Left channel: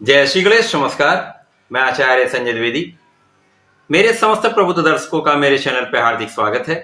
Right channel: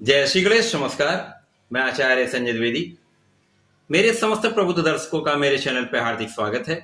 जय श्री गणेश। नमस्कार, मैं आचार्य संजय द्विवेदी। मेरे समस्त प्रबुद्ध दर्शकों का मेरे चैनल पर हार्दिक स्वागत है।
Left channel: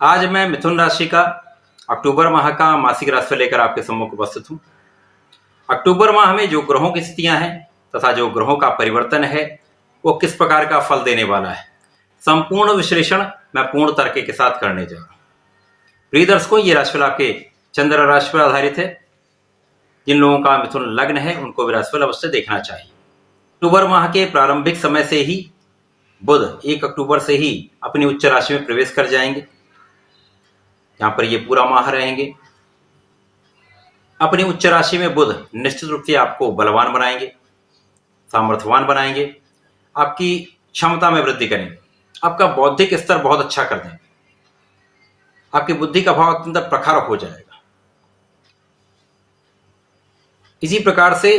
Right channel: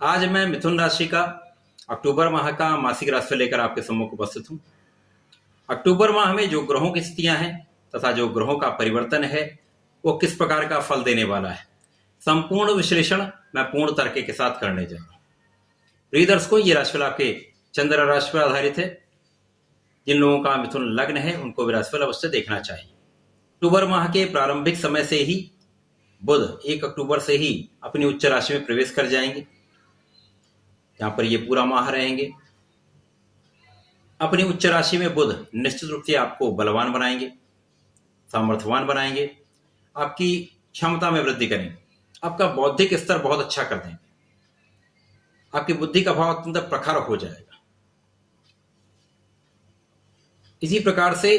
आज मैं मिथुन राशि का अक्टूबर माह का मासिक राशिफल लेकर आपके सम्मुख उपस्थित हूँ। अक्टूबर माह में जो ग्रहों की स्थितियां हैं तथा जो ग्रहों का परिवर्तन है वो किस प्रकार का फल देने वाला है, संपूर्ण विश्लेषण मैं पूर्ण तर्क के साथ करने जा रहा हूँ। प्रिय दर्शकों, ये राशिफल आपके चंद्र राशि पर आधारित है। जिन लोगों का मिथुन लग्न है उनको भी राशिफल अवश्य देखना चाहिए। अक्टूबर माह के प्रारंभिक समय से ही बुध 1 अक्टूबर से ही अपनी उच्च राशि में प्रवेश कर जाएंगे। यहां पर ये पूरा माह रहेंगे। अपनी उच्च राशि में बुध निश्चित रूप से आपको बलवान बनाएंगे, सामर्थ्यवान बनाएंगे, आपकी क्षमता में वृद्धि करेंगे, आपका बौद्धिक स्तर बहुत अच्छा कर देंगे, आपकी बुद्धि का भाव अत्यंत प्रखर हो जाएगा। इसी प्रकार से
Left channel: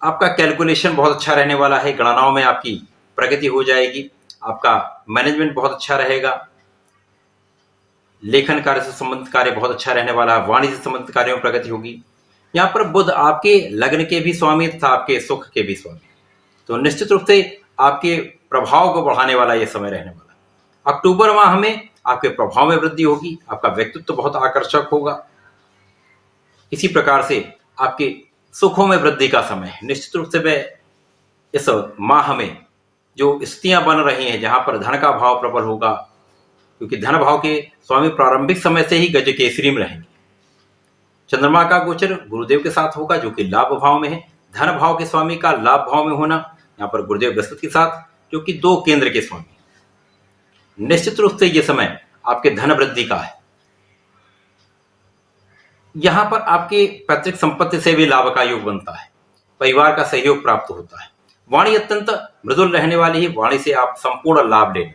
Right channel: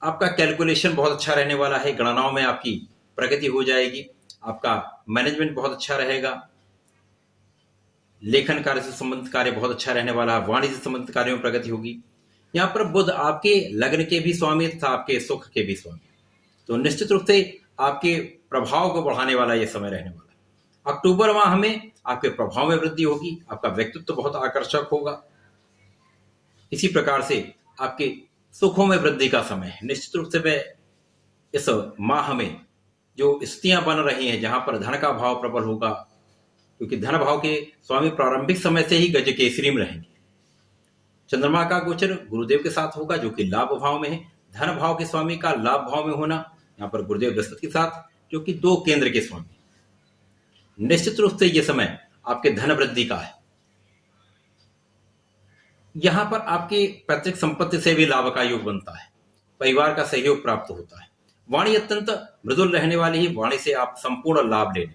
आपका कैलकुलेशन बहुत अच्छा रहने वाला है, गणनाओं में आपकी प्रगति हो जाएगी, आपका मैनेजमेंट बहुत अच्छा रहेगा, लेखन कार्य से संबंधित कार्य बहुत अच्छा रहने वाला है, वाणिज्य से संबंधित कार्यों में प्रगति होगी। यहाँ पर बुध आपके लग्न के भी स्वामी तथा आपके सुख के भी स्वामी, तो निश्चित रूप से आपके प्रभाव को बढ़ाने वाला यह समय रहने वाला है। अक्टूबर माह में आपके प्रभाव में वृद्धि होगी, आपका व्यक्तित्व बहुत आकर्षक होगा। इसी प्रकार से आपके सुखों में वृद्धि का समय है। निश्चित रूप से मैं इस माह में जो स्थितियां बन रही हैं जहां पर धन का भाव प्रबल होगा, क्योंकि धन भाव के स्वामी प्रारंभिक समय से ही गज केसरी में रहेंगे। चंद्रमा का गोचर गुरुदेव के साथ होगा जो कि लाभ भाव में है। धन भाव के स्वामी का लाभ भाव में होना यहाँ पर गुरुदेव बृहस्पति के साथ, जो कि 2 केंद्र के स्वामी। निश्चित रूप से यह समय आपके धन वृद्धि का है। यहां पर आपके पैतृक संपत्ति से भी लाभ का योग बनता है, परिवार का सहयोग प्राप्त होता है, वाणी अत्यंत मृदुल रहने वाली है, वाणी से आप संपूर्ण लाभ लेंगे।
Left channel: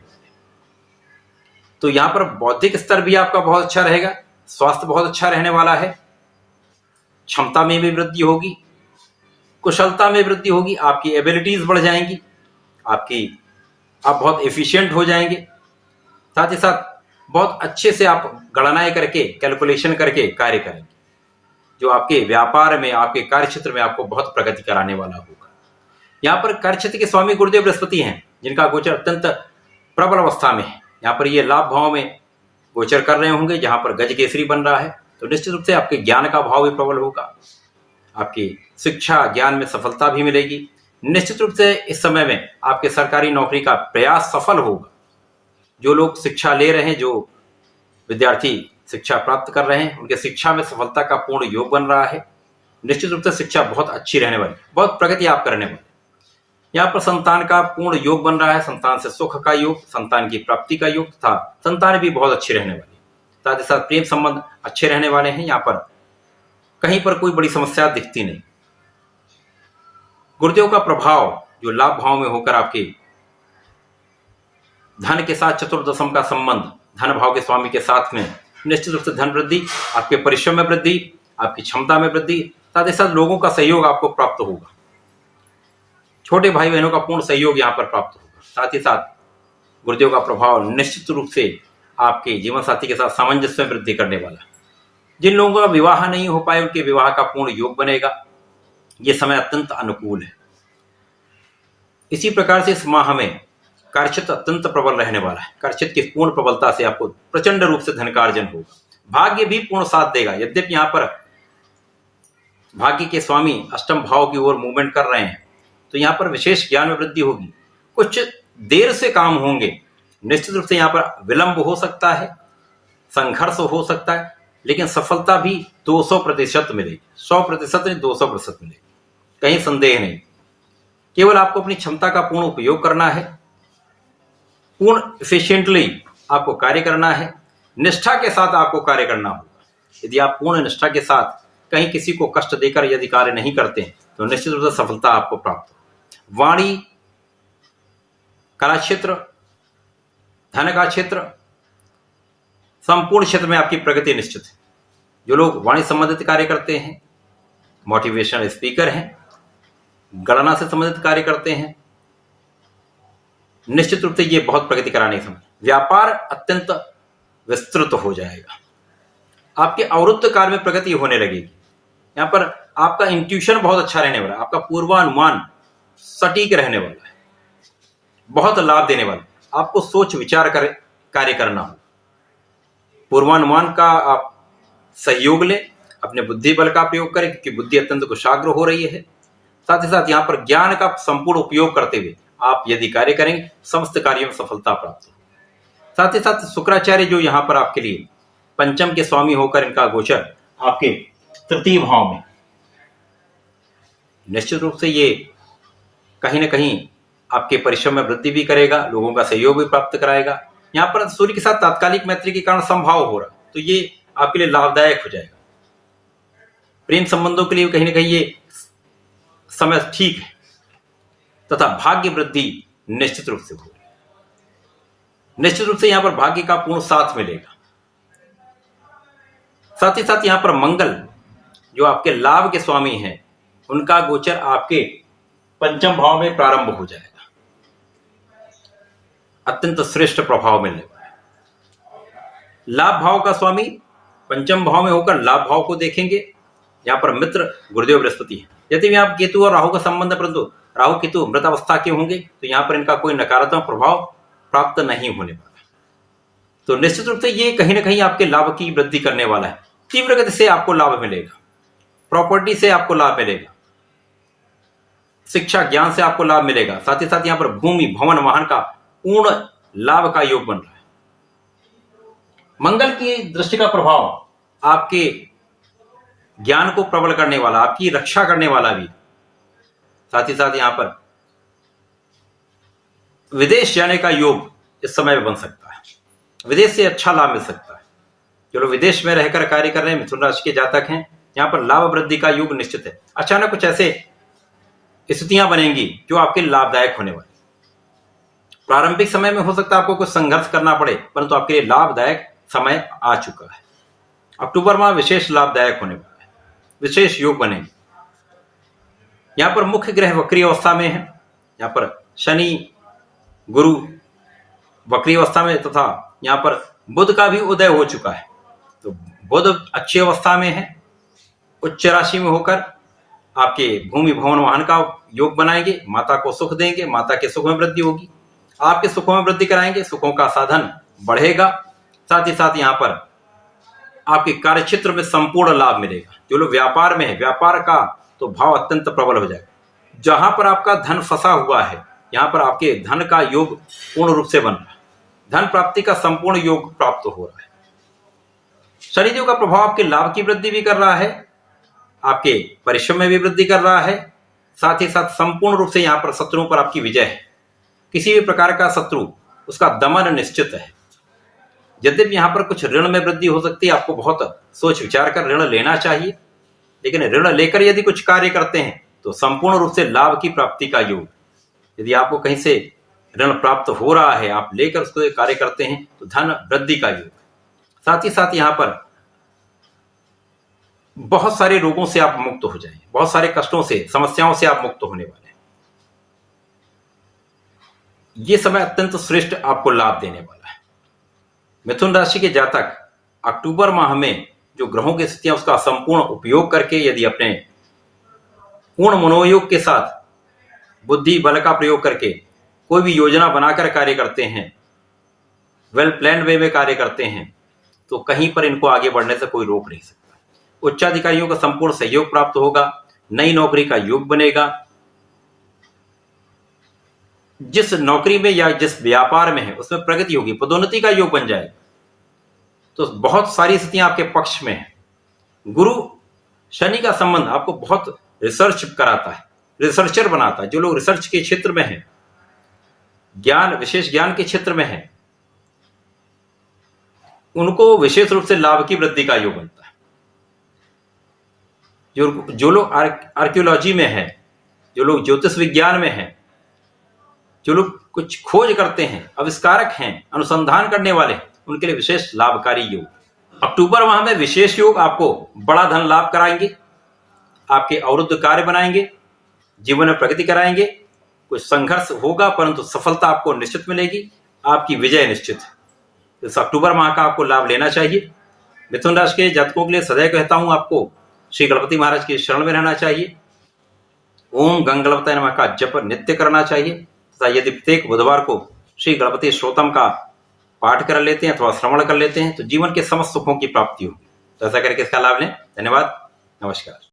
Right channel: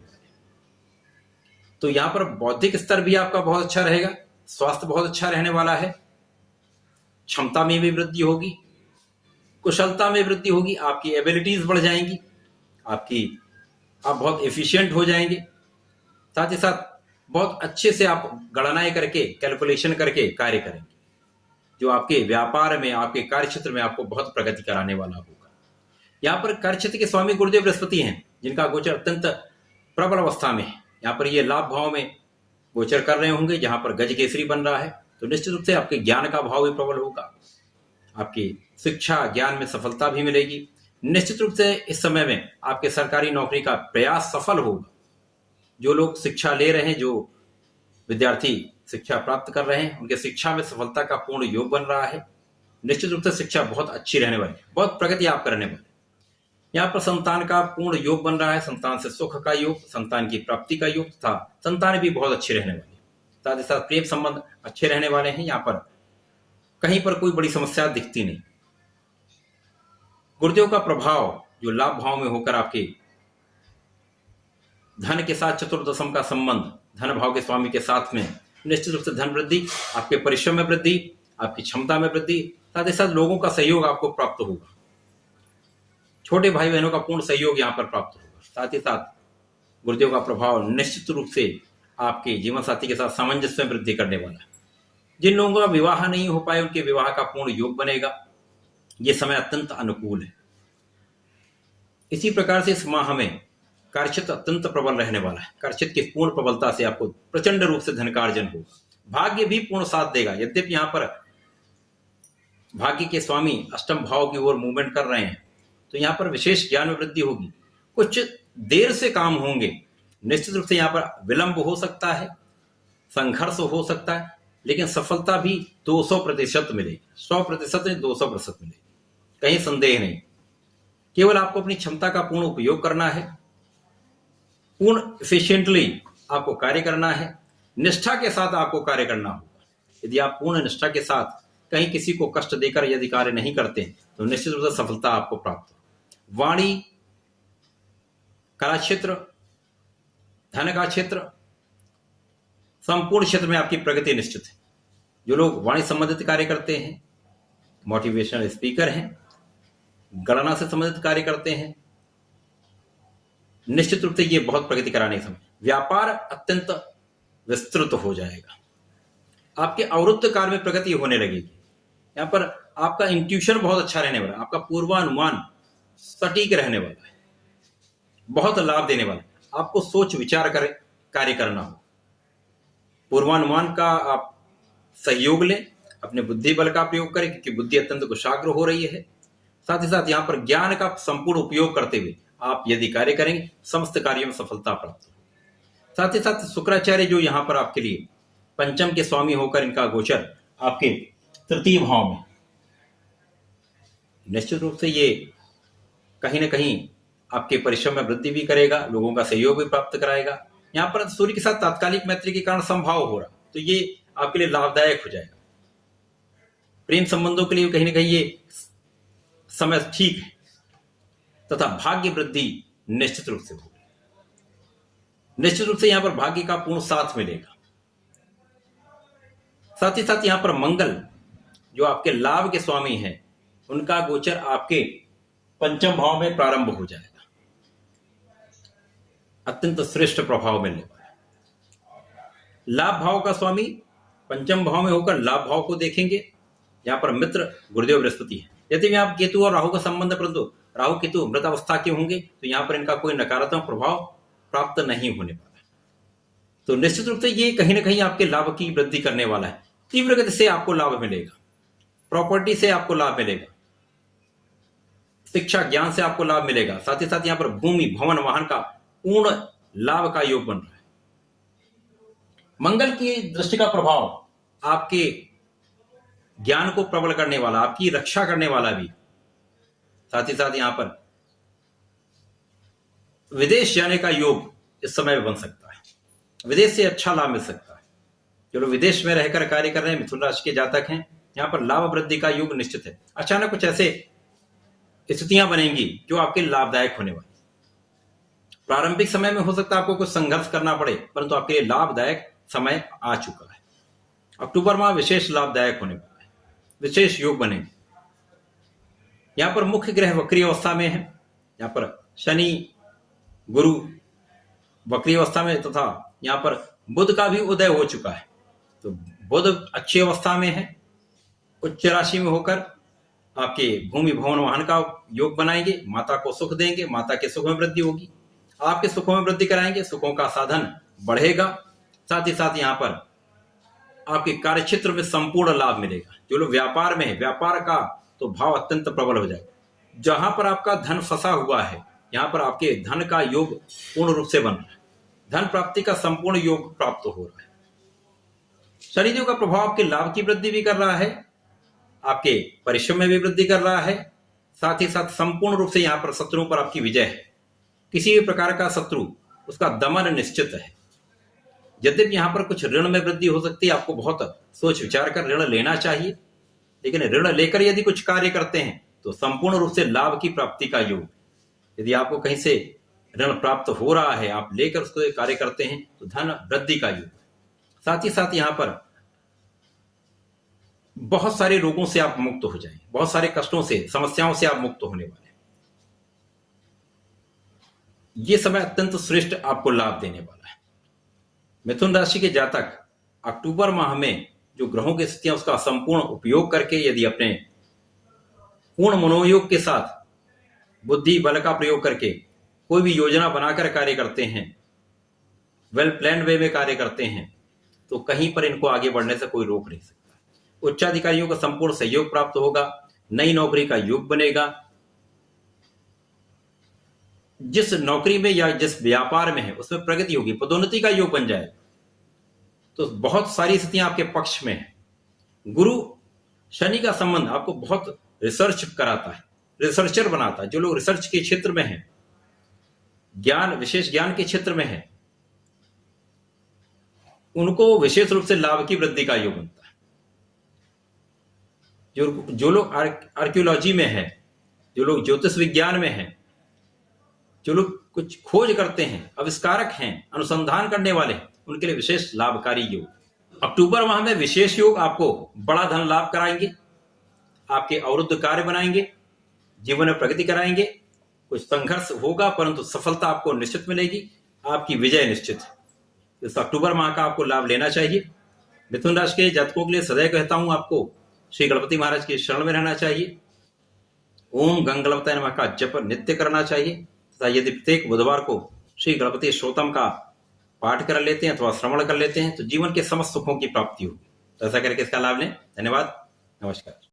तो यहां पर बौद्धिक स्तर भी आपका बहुत अच्छा रहेगा, स्वास्थ्य बहुत अच्छा रहने वाला है, क्षमता में भी वृद्धि होगी, कुशलता में वृद्धि होगी, आपकी एबिलिटीज बढ़ जाएंगी, आप बहुत एफिशिएंट हो जाएंगे। साथ ही साथ बहुत अच्छे से आप गणनाएं करके, कैलकुलेशन करके कार्य करेंगे, जो आपके व्यापार में, आपके कार्य क्षेत्र में आपको बहुत प्रगति कराने वाला होगा। यहाँ पर कार्य क्षेत्र के स्वामी गुरुदेव बृहस्पति हैं, जिनका गोचर अत्यंत प्रबल अवस्था में है। यहाँ पर ये लाभ भाव में गोचर कर रहे होंगे, जहां पर गज केसरी बन रहा है, तो निश्चित रूप से आपके ज्ञान का भाव भी प्रबल होगा, आपकी शिक्षा ज्ञान में सफलता भी मिलेगी। निश्चित रूप से इस समय में आपके सरकारी नौकरी का प्रयास सफल होगा। जो लोग शिक्षा ले रहे हैं, जो विद्यार्थी शिक्षा प्राप्त कर रहे हैं, उनके शिक्षा में सफलता का पूर्ण योग बन रहा है। निश्चित रूप से शिक्षा बहुत अच्छी रहने वाली, बहुत प्रगति आप करने वाले। यहाँ पर संतान का पूर्ण योग बन रहा है, संतान से सुख का योग, संतान की प्राप्ति का योग तथा संतान भी बहुत अच्छी रहने वाली। साथ ही साथ प्रेम संबंध अच्छे रहने वाले हैं। यहाँ पर कहीं पर कोई बड़ी समस्या दिखती नहीं। गुरुदेव का प्रभाव जो लाभ भाव में होकर आपके धन के साथ चतुर्दशम का संबंध धन भाव के स्वामी के साथ में, निश्चित रूप से धन वृद्धि, आपके परिश्रम में वृद्धि, आपकी क्षमता में वृद्धि, साथ ही साथ लोगों का सहयोग आपको प्राप्त होगा, छोटे भाई बहनों का पूर्ण सहयोग यहाँ पर प्राप्त होगा। साथ ही साथ गुरुदेव का प्रभाव निश्चित रूप से आपके जीवन साथी के साथ सामंजस्य में वृद्धि करने वाला है। जिन लोगों का विवाह नहीं हो पाए उनके विवाह का पूर्ण योग बनेगा। यह समय अत्यंत अनुकूल है। इसी प्रकार से इस माह में कार्यक्षेत्र अत्यंत प्रबल रहने वाला है। कार्यक्षेत्र की पूर्ण प्रबलता से आपको प्रचंड रूप से धन का अर्जन होगा। भाग्य भी पूर्ण साथ देगा। यद्यपि यहाँ पर भाग्य के स्वामी अष्टम भाव की ओर मूवमेंट कर रहे हैं, तो यहाँ पर विशेष ज्ञान में वृद्धि होगी। कुछ देर से काम होंगे, निश्चित रूप से यहाँ पर विलंब हो सकता है, संघर्ष हो सकता है, लेकिन सफलता भी 200% मिलेगी। 100% नहीं, 200% मिलेगी, कहीं संदेह नहीं। केवल आपको अपनी क्षमता का पूर्ण उपयोग करना है, पूर्ण एफिशिएंटली आपको कार्य करना है, निष्ठा के साथ आपको कार्य करना होगा। यदि आप पूर्ण निष्ठा के साथ कहीं किसी को कष्ट देकर यदि कार्य नहीं करते तो निश्चित रूप से सफलता आपको प्राप्त हो। वाणी, कला क्षेत्र, धन का क्षेत्र, संपूर्ण क्षेत्र में आपकी प्रगति निश्चित है। जो लोग वाणी संबंधित कार्य करते हैं, मोटिवेशनल स्पीकर हैं, गणना से संबंधित कार्य करते हैं, निश्चित रूप से ये बहुत प्रगति कराने समय व्यापार अत्यंत विस्तृत हो जाएगा। आपके अवरुद्ध कार्य में प्रगति होने लगेगी। यहाँ पर आपका इंट्यूशन बहुत अच्छा रहने वाला है, आपका पूर्वानुमान सटीक रहने वाला है, बहुत लाभ देने वाला है। आपको सोच विचार कर कार्य करना हो, पूर्वानुमान का आप सहयोग लें, अपने बुद्धि बल का प्रयोग करें, क्योंकि बुद्धि अत्यंत कुशाग्र हो रही है। साथ ही साथ यहाँ पर ज्ञान का संपूर्ण उपयोग करते हुए आप यदि कार्य करेंगे, समस्त कार्यों में सफलता प्राप्त हो। साथ ही साथ शुक्राचार्य जो यहाँ पर आपके लिए पंचम के स्वामी होकर इनका गोचर आपके तृतीय भाव में, निश्चित रूप से ये कहीं ना कहीं आपके परिश्रम में वृद्धि भी करेगा, लोगों का सहयोग भी प्राप्त कराएगा। यहाँ पर सूर्य के साथ तात्कालिक मैत्री के कारण संभाव हो रहा, तो ये आपके लिए लाभदायक हो जाएगा। प्रेम संबंधों के लिए कहीं ना कहीं ये समय ठीक है, तथा भाग्य वृद्धि निश्चित रूप से होगी। निश्चित रूप से यहां पर भाग्य का पूर्ण साथ मिलेगा। साथ ही साथ यहां पर मंगल जो आपके लाभ के स्वामी हैं, उनका गोचर आपके पंचम भाव में प्रारंभ हो जाएगा। अत्यंत श्रेष्ठ प्रभाव मिलने वाला है। लाभ भाव का स्वामी पंचम भाव में होकर लाभ भाव को देखेंगे। यहां पर मित्र गुरुदेव बृहस्पति है। यदि यहाँ केतु और राहु का संबंध, परंतु राहु केतु मृत अवस्था के होंगे, तो यहां पर इनका कोई नकारात्मक प्रभाव प्राप्त नहीं होने वाला। तो निश्चित रूप से ये कहीं ना कहीं आपके लाभ की वृद्धि करने वाला है। तीव्र गति से आपको लाभ मिलेगा, प्रॉपर्टी से आपको लाभ मिलेगा, शिक्षा ज्ञान से आपको लाभ मिलेगा। साथ ही साथ यहां पर भूमि भवन वाहन का पूर्ण लाभ का योग बन रहा है। मंगल की दृष्टि का प्रभाव आपके ज्ञान को प्रबल करने वाला, आपकी रक्षा करने वाला भी। साथ ही साथ यहां पर विदेश जाने का योग इस समय में बन सकता है। विदेश से अच्छा लाभ मिल सकता है। जो लोग विदेश में रहकर कार्य कर रहे हैं, मिथुन राशि के जातक हैं, यहां पर लाभ वृद्धि का योग निश्चित है। अचानक कुछ ऐसे स्थितियां बनेंगी जो आपके लाभदायक होने वाली। प्रारंभिक समय में हो सकता है आपको कुछ संघर्ष करना पड़े, परंतु आपके लिए लाभदायक समय आ चुका है। अक्टूबर माह विशेष लाभदायक होने वाला है, विशेष योग बनेंगे। यहां पर मुख्य ग्रह वक्री अवस्था में है। यहां पर शनि गुरु वक्री अवस्था में, तथा यहां पर बुध का भी उदय हो चुका है। तो बुध अच्छी अवस्था में है, उच्च राशि में होकर आपके भूमि भवन वाहन का योग बनाएंगे, माता को सुख देंगे, माता के सुख में वृद्धि होगी, आपके सुखों में वृद्धि कराएंगे, सुखों का साधन बढ़ेगा। साथ ही साथ यहां पर आपके कार्यक्षेत्र में संपूर्ण लाभ मिलेगा। जो लोग व्यापार में है, व्यापार का तो भाव अत्यंत प्रबल हो जाएगा। जहां पर आपका धन फंसा हुआ है, यहां पर आपके धन का योग पूर्ण रूप से बन रहा है। धन प्राप्ति का संपूर्ण योग प्राप्त हो रहा है। शनिदेव का प्रभाव आपके लाभ की वृद्धि भी कर रहा है, आपके परिश्रम में भी वृद्धि कर रहा है। साथ ही साथ संपूर्ण रूप से यहां पर शत्रुओं पर आपकी विजय है। किसी भी प्रकार का शत्रु, उसका दमन निश्चित है। यद्यपि यहां पर कुछ ऋण में वृद्धि हो सकती है, आपको बहुत सोच विचार कर ऋण लेना चाहिए, लेकिन ऋण लेकर यदि कुछ कार्य करते हैं तो संपूर्ण रूप से लाभ की प्राप्ति का योग। यदि आपको कहीं से ऋण प्राप्त हो रहा है, आप लेकर उसको कार्य करते हैं, तो धन वृद्धि का योग। साथ ही साथ यहां पर बहुत सारे रोगों से आप मुक्त हो जाएंगे, बहुत सारे कष्टों से, समस्याओं से आप मुक्त होने वाले हैं। यह समय अत्यंत श्रेष्ठ आपको लाभ देने वाला है। मिथुन राशि के जातक अक्टूबर माह में जो ग्रहों की स्थितियां, उसका संपूर्ण उपयोग करके यदि अपने पूर्ण मनोयोग के साथ बुद्धि बल का प्रयोग करके कोई भी योजना बनाकर कार्य करते हैं, वेल प्लान्ड वे में कार्य करते हैं, तो कहीं पर इनको आगे बढ़ने से कोई रोक नहीं सकता। उच्चाधिकारियों का संपूर्ण सहयोग प्राप्त होगा, नई नौकरी का योग बनेगा। जिस नौकरी में या जिस व्यापार में है उसमें प्रगति होगी, पदोन्नति का योग बन जाएगा। तो बहुत सारी स्थितियां आपके पक्ष में है। गुरु शनि का संबंध आपको बहुत रिसर्च कराता है, रिसर्चर बनाता है। जो लोग रिसर्च के क्षेत्र में हैं, ज्ञान, विशेष ज्ञान के क्षेत्र में हैं, उनको विशेष रूप से लाभ की वृद्धि का योग बनता है। जो लोग आर्कियोलॉजी में हैं, जो लोग ज्योतिष विज्ञान में हैं, जो लोग कुछ खोज करते हैं, आविष्कारक हैं, अनुसंधान करने वाले हैं, उनके लिए विशेष लाभकारी योग। अक्टूबर माह में विशेष योग आपको बड़ा धन लाभ कराएंगे, आपके अवरुद्ध कार्य बनाएंगे, जीवन में प्रगति कराएंगे। कुछ संघर्ष होगा, परंतु सफलता आपको निश्चित मिलेगी, आपकी विजय निश्चित है। इस अक्टूबर माह का आपको लाभ लेना चाहिए। मिथुन राशि के जातकों के लिए सदैव कहता हूं, आपको श्री गणपति महाराज की शरण में रहना चाहिए। ओम गंगणपतये नमः का जप नित्य करना चाहिए तथा यदि प्रत्येक बुधवार को श्री गणपति स्तोत्रम का पाठ कर लेते हैं अथवा श्रवण कर लेते हैं तो जीवन के समस्त सुखों की प्राप्ति होगी। तो ऐसा करके इसका लाभ लें। धन्यवाद, नमस्कार।